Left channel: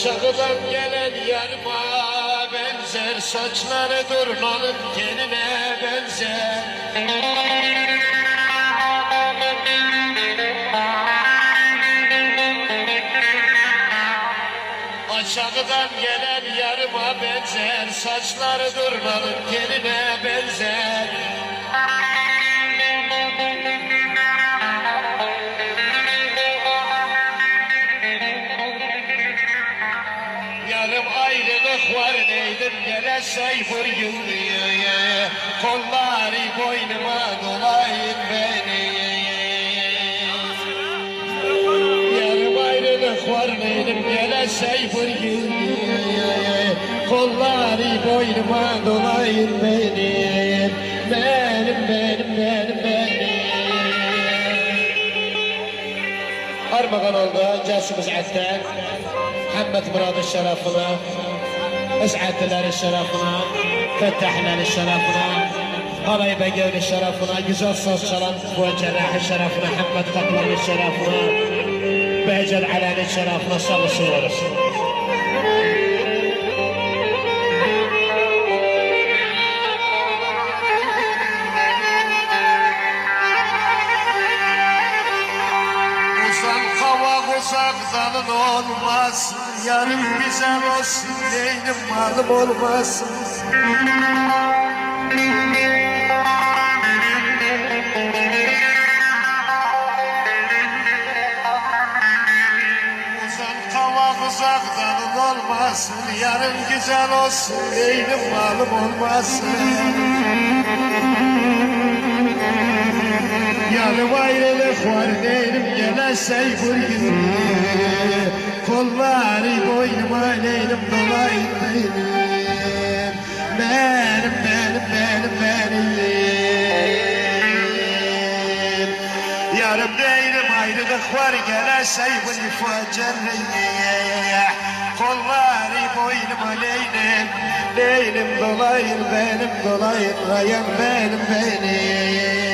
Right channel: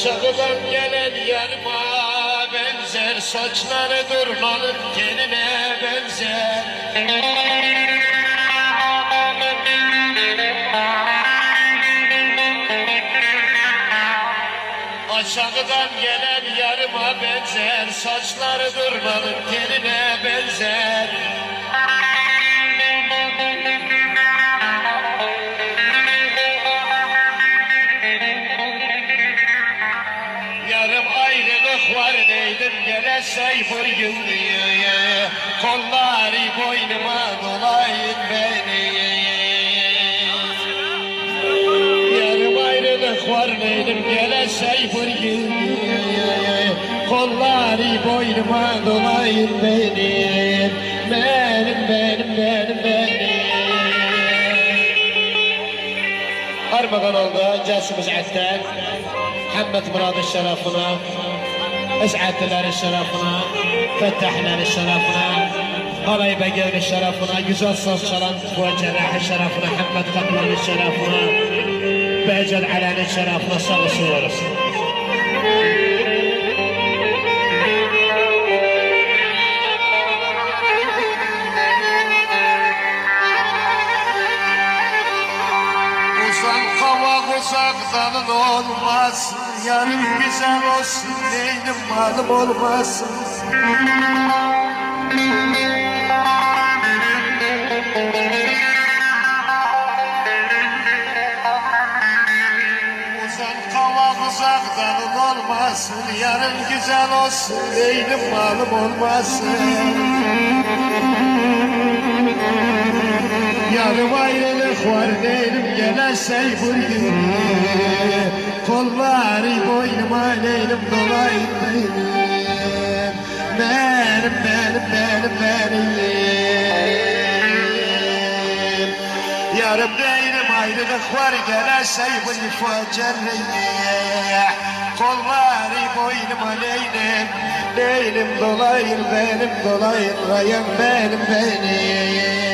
Aşağıdan gelen yarıma benzer, saçları durmanın teline benzer. Aşağıdan gelen yarıma benzer, saçları durmanın teline benzer. Yarım ayrılık var neydim gele sayfır gündüğü, kolları boynuma dolayın beni. Yarım ayrılık var neydim gele sayfır gündüğü, kolları boynuma dolayın beni. Benim. Armağan oldu Casımız Attan, Muhammed Murad'ın şerefine, Es'adlıların şerefine, Fettahların şerefine, Halay Begev'in şerefine, güzel söz çalan Fuacerah'ın şerefine, Muhammed Kaplan'ın şerefine, Behcer Alan'ın şerefine sağ olsun. Uzaktan olmaz, yarın güzel olsun, değilim malım olmaz. Uzaktan olmaz, yarın güzel olsun, değilim malım olmaz. Yarım ayrılık var değilim deme sayfır gibi, kolları boynuma neylim dolayım benim. Yarım değilim ayrılık var gele sayfır fuacerreye, kolları boynuma neylim dolayım benim dolayım benim.